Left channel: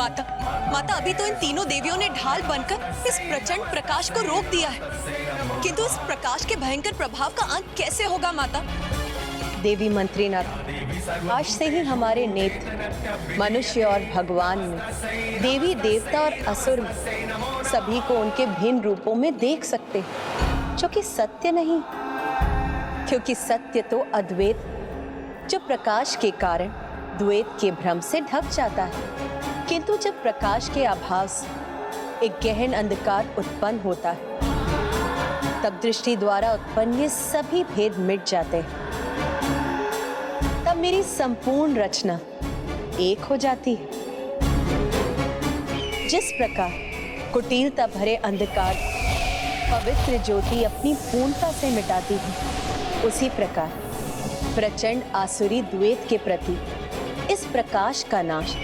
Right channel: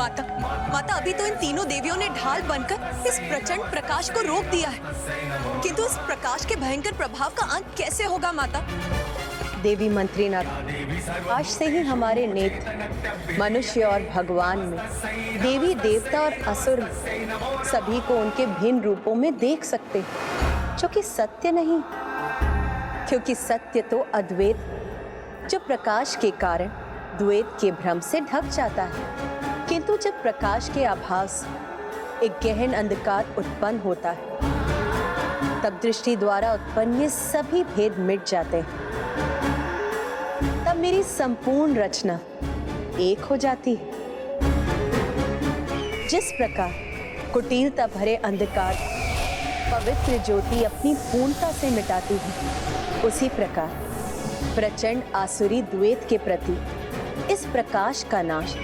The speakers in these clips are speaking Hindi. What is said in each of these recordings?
माता, माता अभी तो इन तीनों देवियों ने ढाल बनकर इस प्रचंड प्रकाश को रोक दिया है, किंतु इस प्रकाश के भयंकर प्रभाव का अंत कैसे होगा माता? देवी मंत्रीनाथ, आज से ही हमारे नेत्र मनुष्य और भगवान में, देवी देवता और असुर में सभी को उनके भिन्न रूपों में देख सकते हैं, जो कि सत्य नहीं, क्योंकि सत्य तो अद्वैत, जो प्रकाश के कारण द्वैत के भ्रम से ढक जाता है। किंतु जब प्रकाश के अभाव से एक गहन अंधकार उत्पन्न होता है, तब दृष्टि द्वारा उत्पन्न ये सभी भेद मिट जाते हैं। तब मेरी संपूर्ण रचना एक हो जाती है। जिस प्रकार कुटिलता भरे अंधकार पवित्र ज्योति अपनी पूर्णता से मिटाती है, उसी प्रकार प्रचंड आसुरी द्वैत के प्रति इस प्रकाश का नाश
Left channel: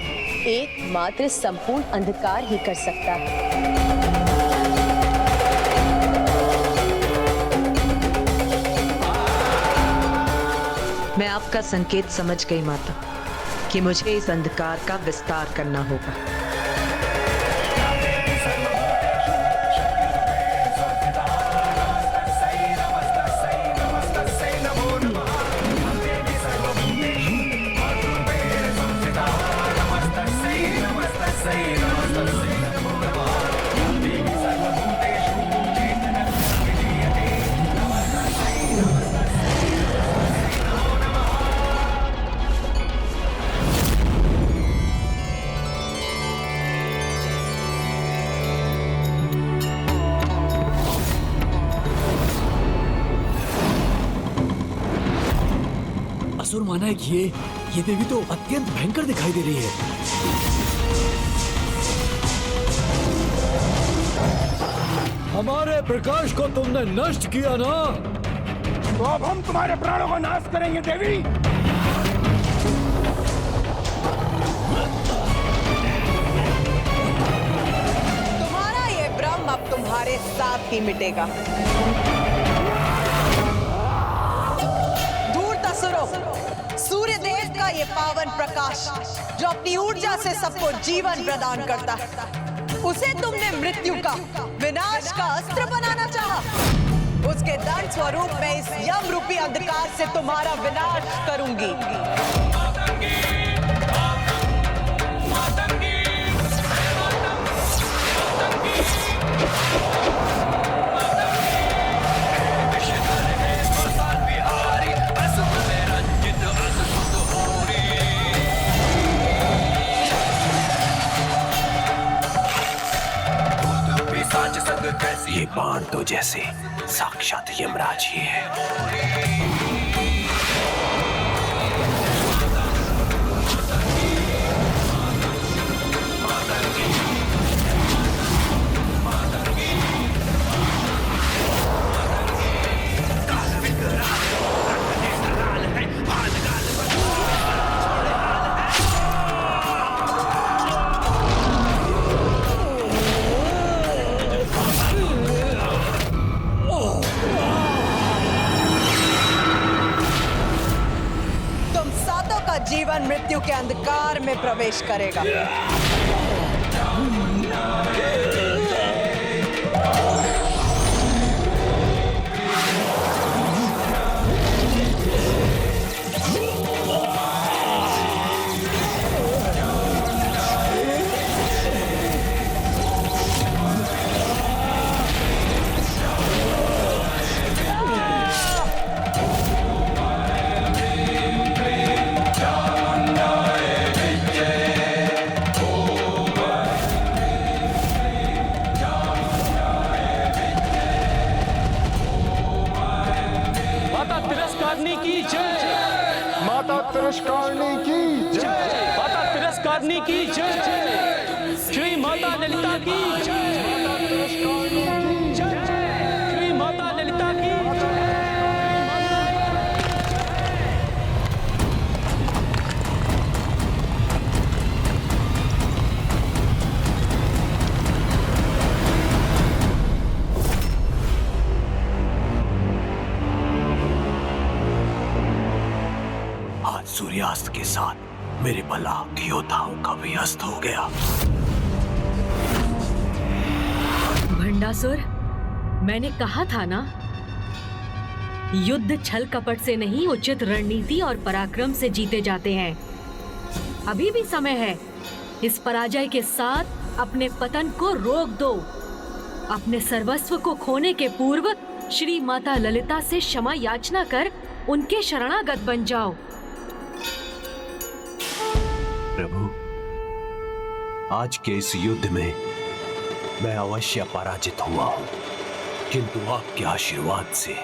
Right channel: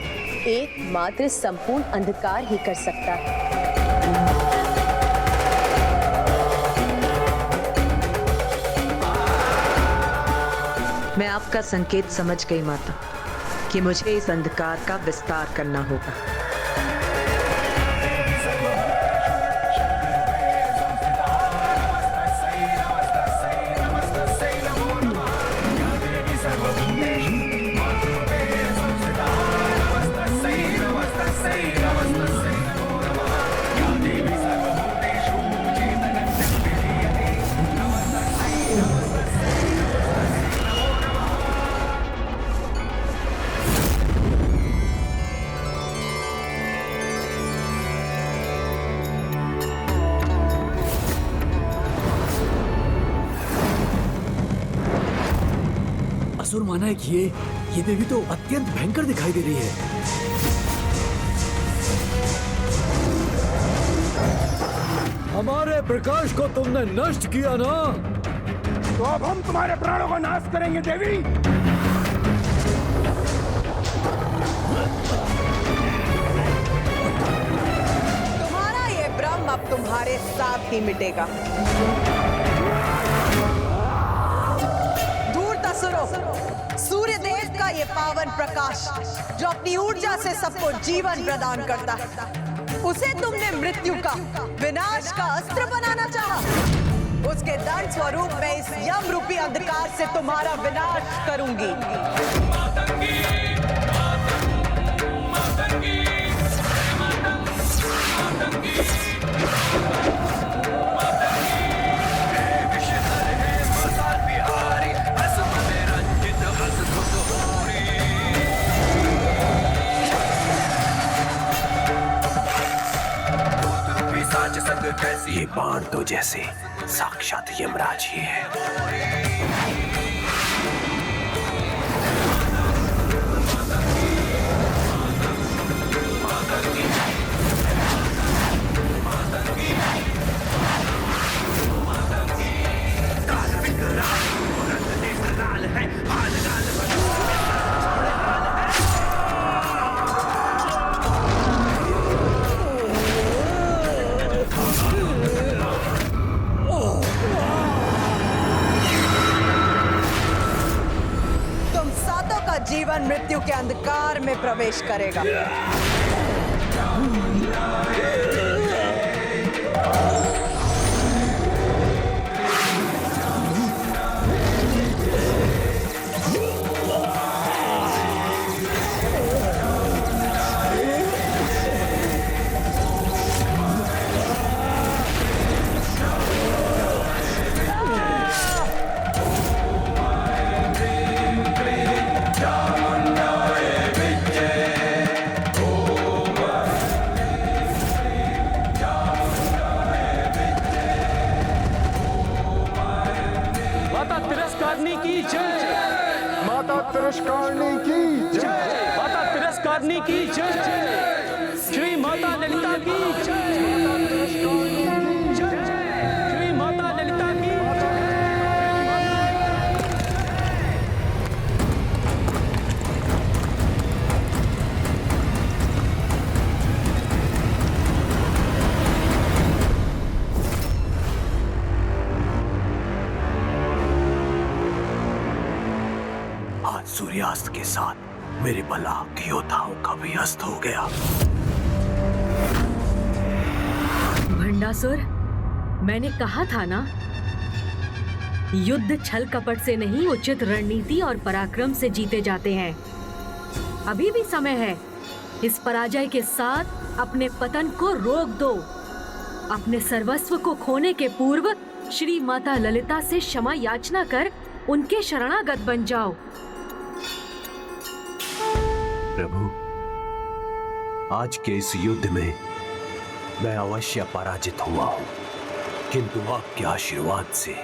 एकमात्र संपूर्ण अंधकार ही कर सकता है। मैं आपका संकेत समझ गई माता कि मुझे इस अंधकार का विस्तार करना होगा। असुर माना है कि ये देवी तो अत्यंत भयंकर दिखाई दे रही है। हमारे प्रकाश को तुमने नष्ट किया ना, तो अब हम तुम्हारे प्राणों का नाश करेंगे देवी। तुम्हारा ये भ्रम अब तुम्हारे साथ ही मिटेगा। सूर्य देव का ये पावन प्रकाश जो अपनी ऊर्जा से सबको जीवन प्रदान करता है, उसे तुमने मृत्यु का, विनाश का अस्त्र बनाना चाहा। उसके दंड स्वरूप मैं इस यम रूपी अंधकार से तुम्हारा विनाश करूंगी। ये बाण तो जैसे साक्षात यमराज ही है। जीवन मृत्यु के अंधकार में प्रवेश करेगा। की जय। माता तिरस्कारणी की जय। माता तिरस्कारणी की जय। श्री माता ललिता की जय। माता तिरस्कारणी की जय। श्री माता ललिता की जय। सूर्यास्त के साथ मेरे बलाक योद्धाओं का भी अस्त हो गया। भंडासुर, मैंने कहा था ना, युद्ध छल कपट से नहीं, उचित रणनीति और पराक्रम से जीते जाते हैं। अभी भी समय है। इस पराजय के साथ अपने पतन को रोक दो। अपने सर्वस्व को खोने के पूर्व श्री माता ललिता से क्षमा याचना कर उनके शरणागत बन जाओ। प्रभु, आज के इस युद्ध में मैं अवश्य पराजित हुआ हूं, किंतु आपके आशीर्वाद से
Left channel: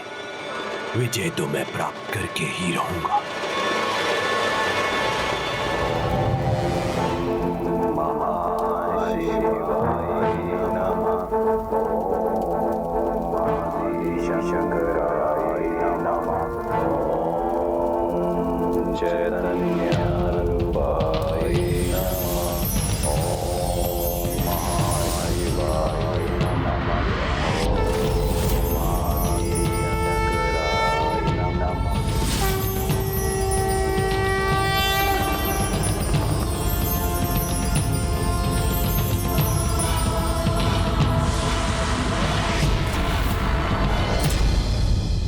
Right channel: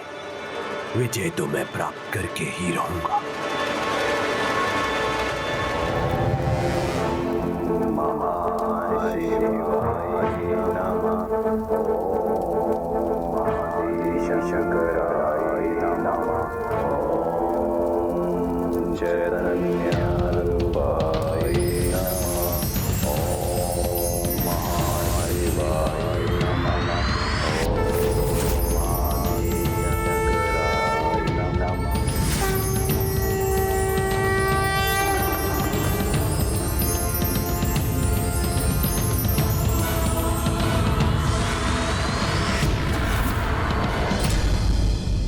विजय तो मैं प्राप्त करके ही रहूंगा।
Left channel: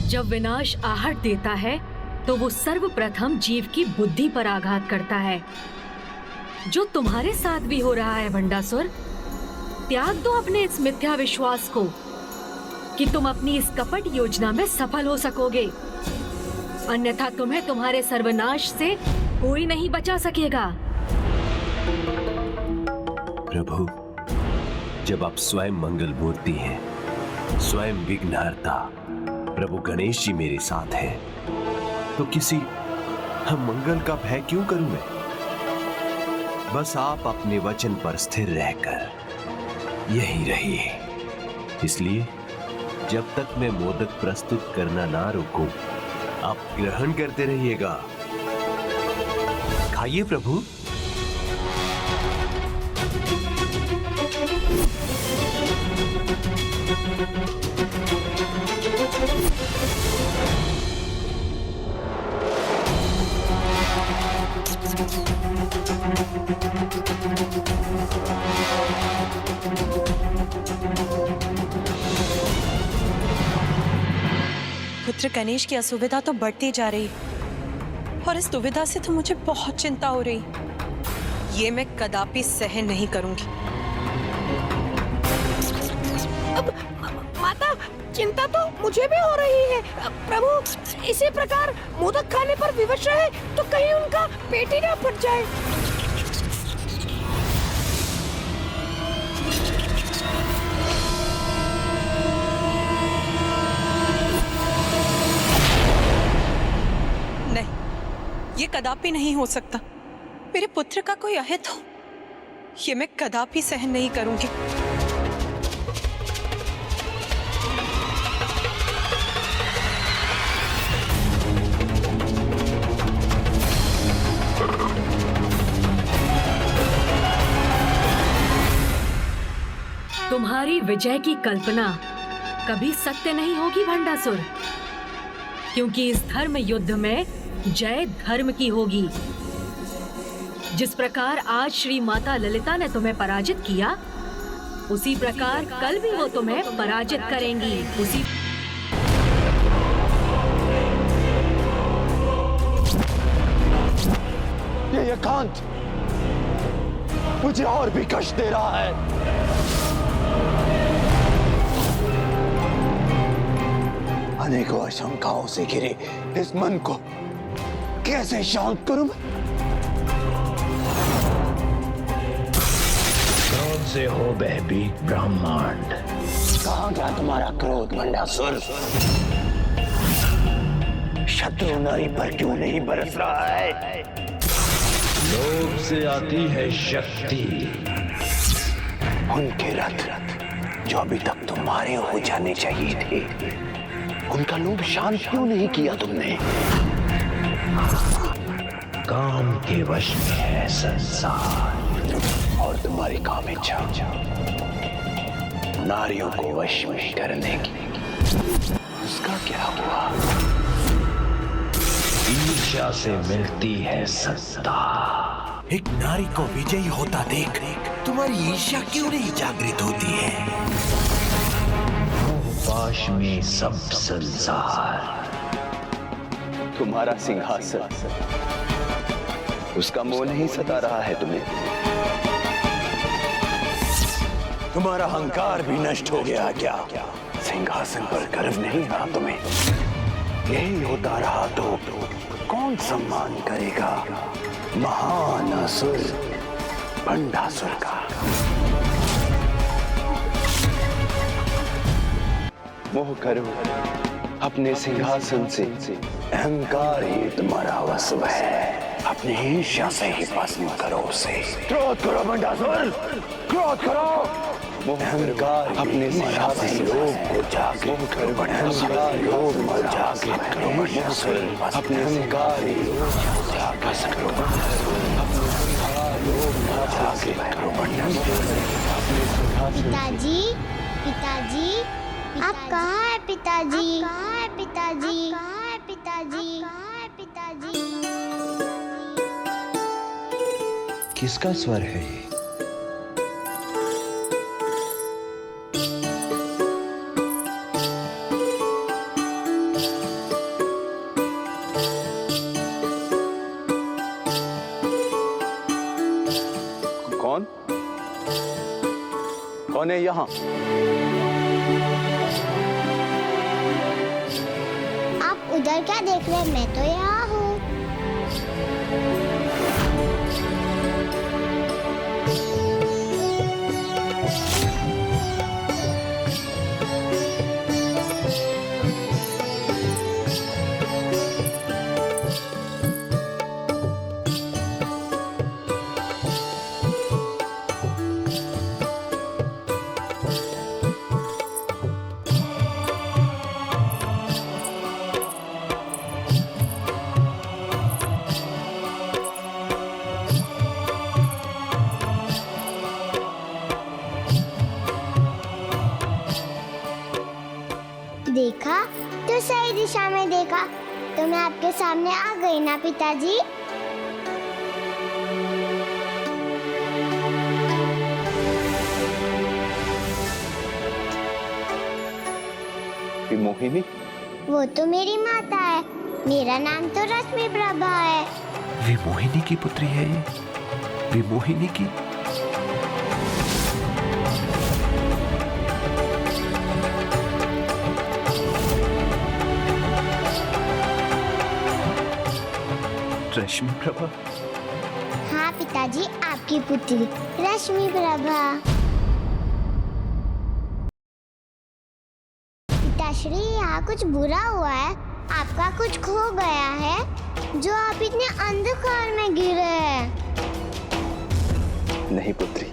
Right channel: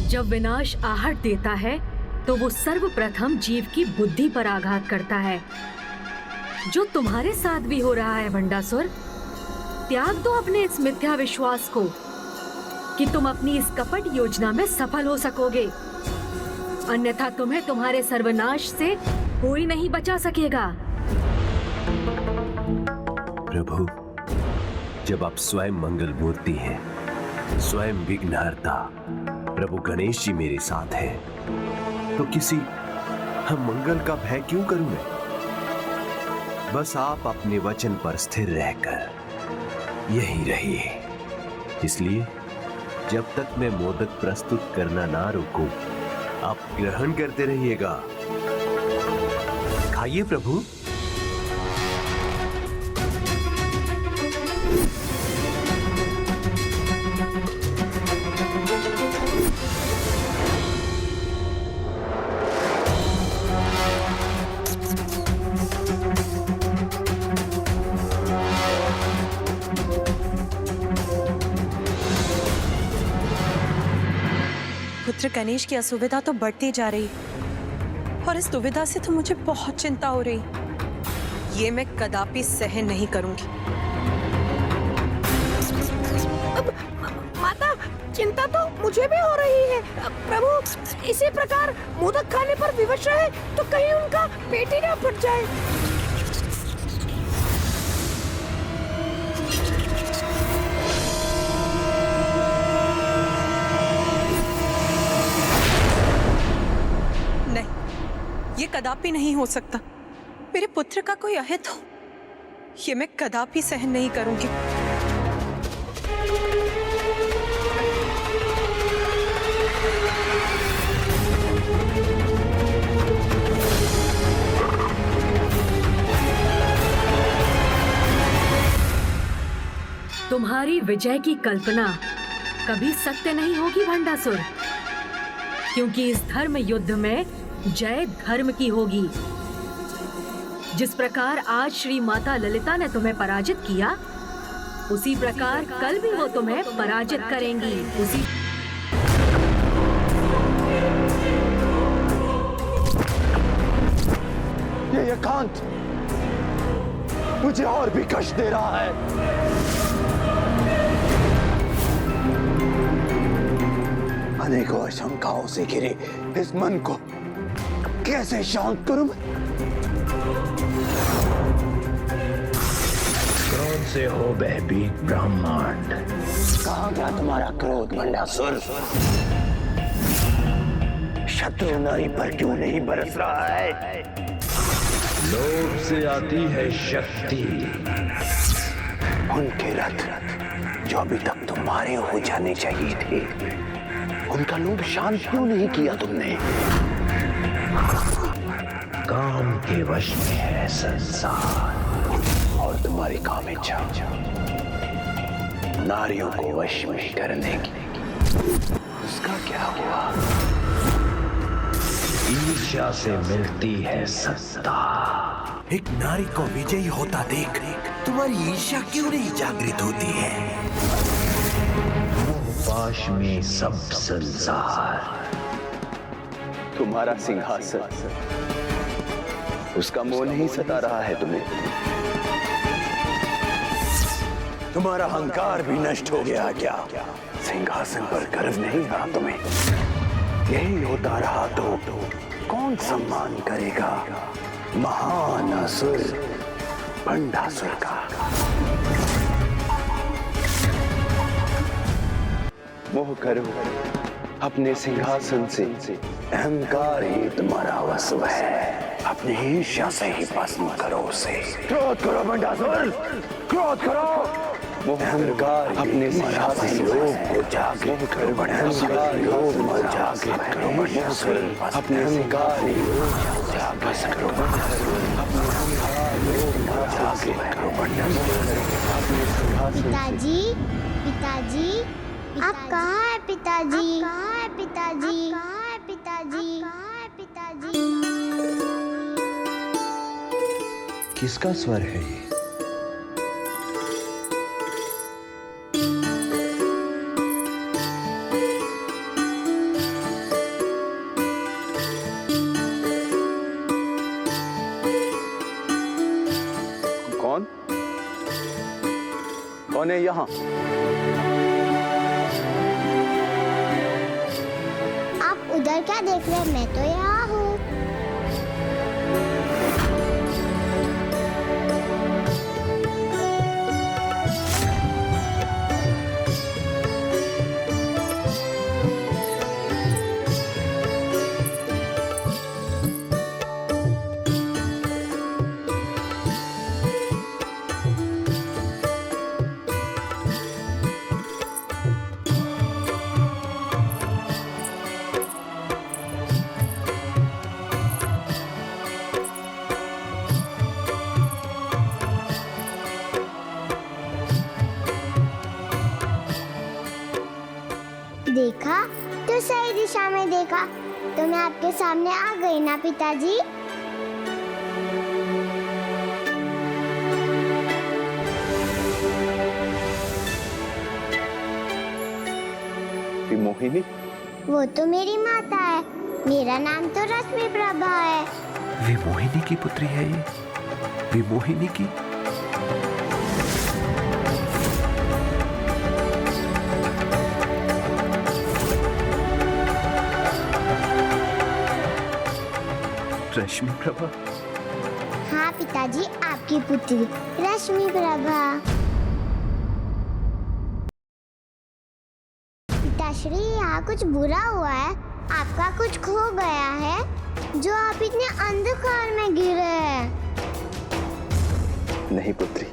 जब विनाश आहट देता है तो वो सर्वप्रथम जीव की बुद्धि पर आघात करता है, जो तुम्हारे साथ भी हो रहा है भंडासुर। त्याग दो अपने इस मिथ्या विश्वास को कि तुम अपनी इस कपट योजना में सफल हो सकोगे, अन्यथा तुम्हें तुम्हारे सर्वनाश से कोई नहीं बचा सकेगा। प्रभु, जब आप स्वयं मंगल मूर्ति हैं, स्वयं विघ्नहर्ता प्रभु गणेश जी मेरे साथ हैं, तो किसी हम मंगल का भय क्यों करूं मैं? बस आप अपने वचन पर स्थिर रहकर यहीं रहिए। इसलिए जब तक मैं मोदक प्रस्तुत करना ना रोकूं, आप ग्रहण करते रहिएगा। खाइए प्रभु। पुत्र गणेश की असुविधा तो बढ़ती जा रही है और इस दुविधा से तो मुझे बहुत चिंता हो रही। ये मैं कदापि सहन नहीं करूंगी। माता, चिंता तो मुझे भी हो रही है। प्रभु, इसी प्रकार मोदक खाने पर विवश रहे तो कहीं उनका पेट ही ना फट जाए। नहीं, ये कदापि नहीं हो सकता। मेरे पुत्र का कोई अहित हो, ये मैं कदापि सहन नहीं करूंगी। तुम्हारी विजय की कल्पना कभी सत्य नहीं होगी भंडासुर, क्योंकि इस धर्म युद्ध में जय धर्म की होगी। जिस प्रकार आज श्री माता ललिता ने तुम्हें पराजित किया, उसी प्रकार कल भी वो तुम्हें पराजित करेंगी। ये एकांत मुझे और भी कष्ट दे रहा है। अनेकों आशंकाओं से घिरे इस मन को कैसे शांत करूं मैं? क्रोध से हो भयभीत ब्रह्मांड। कहां गया तुम्हारा क्रोध भंडासुर? शत्रु नारी पर क्यों नहीं बरस रहा है? लोभ से आती है शक्ति। उनके रथ जो अभी तक तुम्हारे हो जाने चाहिए थे, उनका लोभ शांत क्यों नहीं किया तुमने? काम के वश में है संसार, और तुम्हारी काम इच्छा नारियों को वश में करने की। उसका क्या हुआ? ईर्ष्या से मिलती है सत्ता। एक नारी को विजयी होता देख तुम्हारी ईर्ष्या क्यों नहीं जागृत होती है? पाश में सब संसार, तुम्हारा सिंहासन, उसका मोह नहीं सता रहा है तुम्हें? तुम्हारा अहंकार भी नष्ट हो गया क्या? सिंहासन पर गर्व नहीं रहा तुम्हें? यही होता रहा तो कौन सम्मान करेगा महान असुर भंडासुर का? मोह करो अपने सिंहासन से, अहंकार ही तुम्हारा वश है। अपनी ईर्ष्या से ही भस्म करो उसे। क्रोध करो भंडासुर, क्रोध करो। अहंकार अपने सिंहासन लोग को जागृत करो। अहंकार लोग को जागृत करो भंडासुर। अपने अहंकार जागृत करो। अपने अहंकार लोग को जागृत करो भंडासुर। अपने सिंहासन। पिताजी, पिताजी, आप कहाँ है पिताजी? कहाँ है पिताजी? कहाँ है पिताजी? कहाँ है पिताजी? किसका स्वर है ये? कौन? कौन है यहाँ? आप उधर क्या देख रहे हैं? मैं तो यहाँ हूँ। देखा तो सही दिशा में देखा तो मैं आपके सामने आ गई ना पिताजी। मोहिनी? वो तो मेरी माता है। मेरा नाम तो रश्मि प्रभा है। विमोहिनी की पुत्री है ये? विमोहिनी की? रश्मि प्रभा? हाँ पिताजी, आपकी पुत्री रश्मि प्रभा। पिताश्री, यहाँ कुछ बुरा हुआ है। आपका कुछ खो गया है जो आप इतने अंधकार में गिरे हैं। नहीं पुत्री,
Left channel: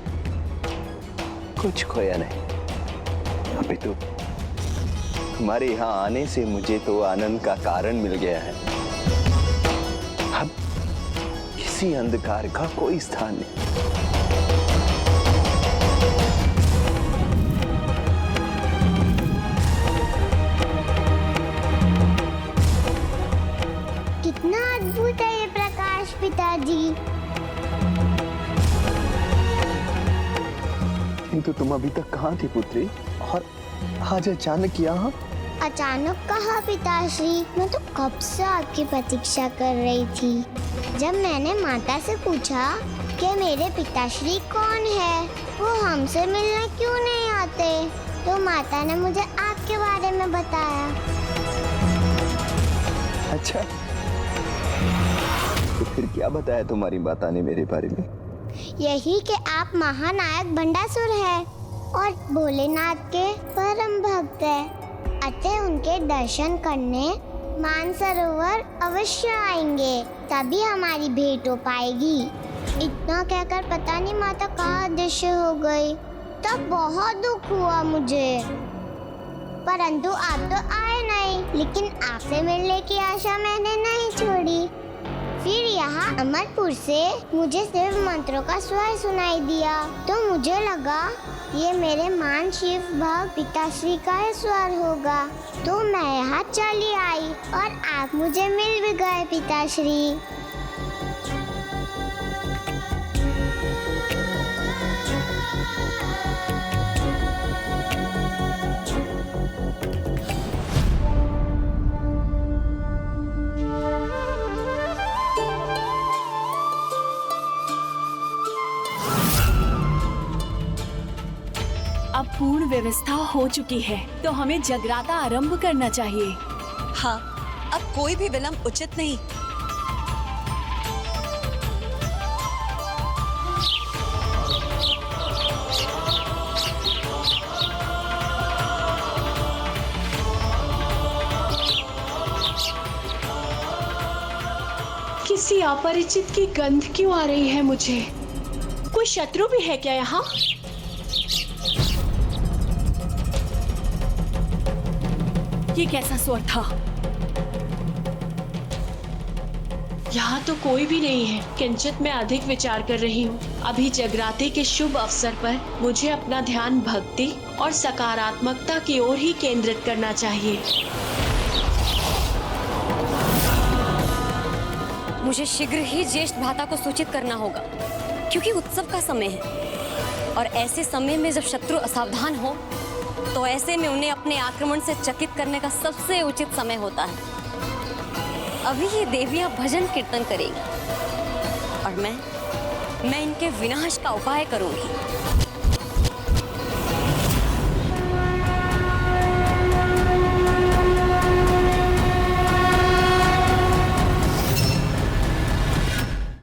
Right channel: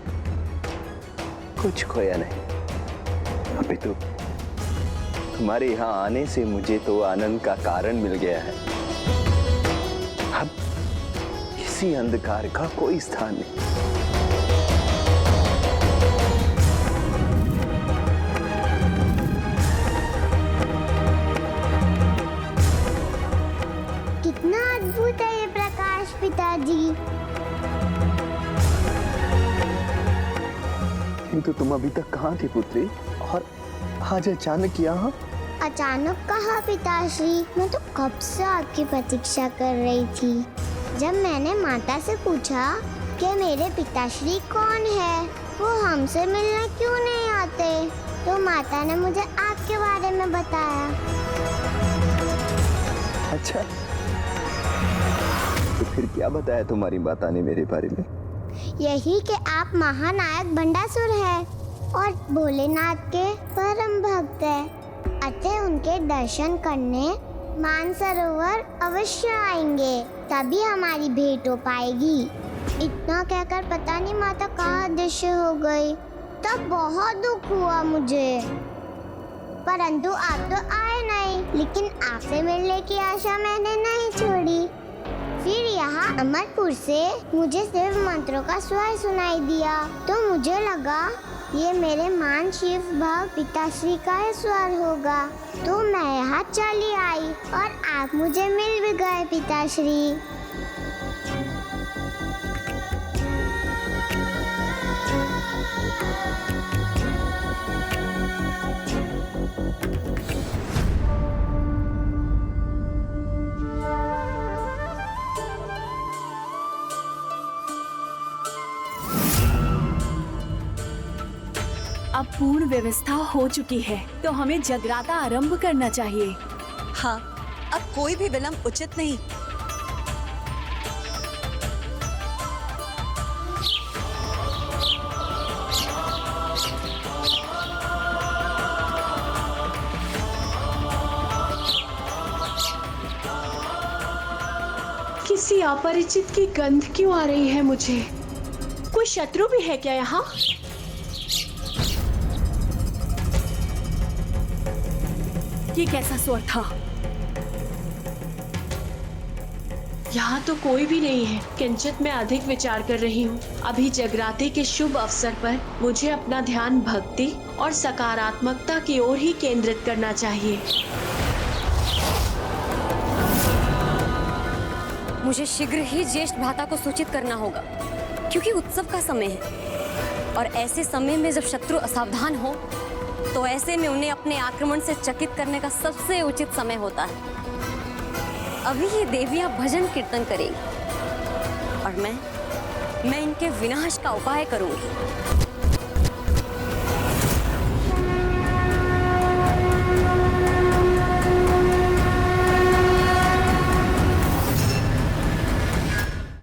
कुछ खोया नहीं। अभी तो तुम्हारे यहाँ आने से मुझे तो आनंद का कारण मिल गया है। अब इसी अंधकार का कोई स्थान नहीं। कितना अद्भुत है ये प्रकाश पिताजी। किंतु तुम अभी तक कहाँ थी पुत्री, और आज अचानक यहाँ? अचानक कहा पिताश्री, मैं तो कब से आपकी प्रतीक्षा कर रही थी। जब मैंने माता से पूछा कि मेरे पिताश्री कौन है, वो हमसे मिलने क्यों नहीं आते, तो माता ने मुझे आपके बारे में बताया। अच्छा, तो फिर क्या बताया तुम्हारी माता ने मेरे बारे में? यही कि आप महानायक भंडासुर हैं और भोलेनाथ के परम भक्त हैं। अतः उनके दर्शन करने मानसरोवर अवश्य आएंगे, तभी हमारी भेंट हो पाएगी। इतना कहकर पता नहीं माता कहाँ अदृश्य हो गई। तब बहुत दुख हुआ मुझे, परंतु आप तो आए नहीं। लेकिन आपसे मिलने की आशा मैंने नहीं छोड़ी। फिर यहाँ अमरपुर से मुझे शिव मंत्रों का स्वर सुनाई दिया, तो मुझे लगा ये मेरे मान शिव भक्त पिताश्री का ही स्वर होगा। तो मैं यहाँ चली आई और आप मुझे मिल भी गए पिताश्री। अब पूर्ण व्यवस्था हो चुकी है, तो हमें जगराता आरंभ करना चाहिए। हाँ, अब कोई भी विलंब उचित नहीं। किसी अपरिचित की गंध क्यों आ रही है मुझे? कोई शत्रु भी है क्या यहाँ? ये कैसा स्वर था? यहाँ तो कोई भी नहीं है। किंचित मैं अधिक विचार कर रही हूँ। अभी जगराते के शुभ अवसर पर मुझे अपना ध्यान भक्ति और सकारात्मकता की ओर ही केंद्रित करना चाहिए। मुझे शीघ्र ही ज्येष्ठ भ्राता को सूचित करना होगा, क्योंकि उत्सव का समय है और ऐसे समय में जब शत्रु असावधान हो तो ऐसे में उन्हें अपने आक्रमण से चकित करने का सबसे उचित समय होता है। अभी ये देवियां भजन कीर्तन करेंगी और मैं इनके विनाश का उपाय करूंगी।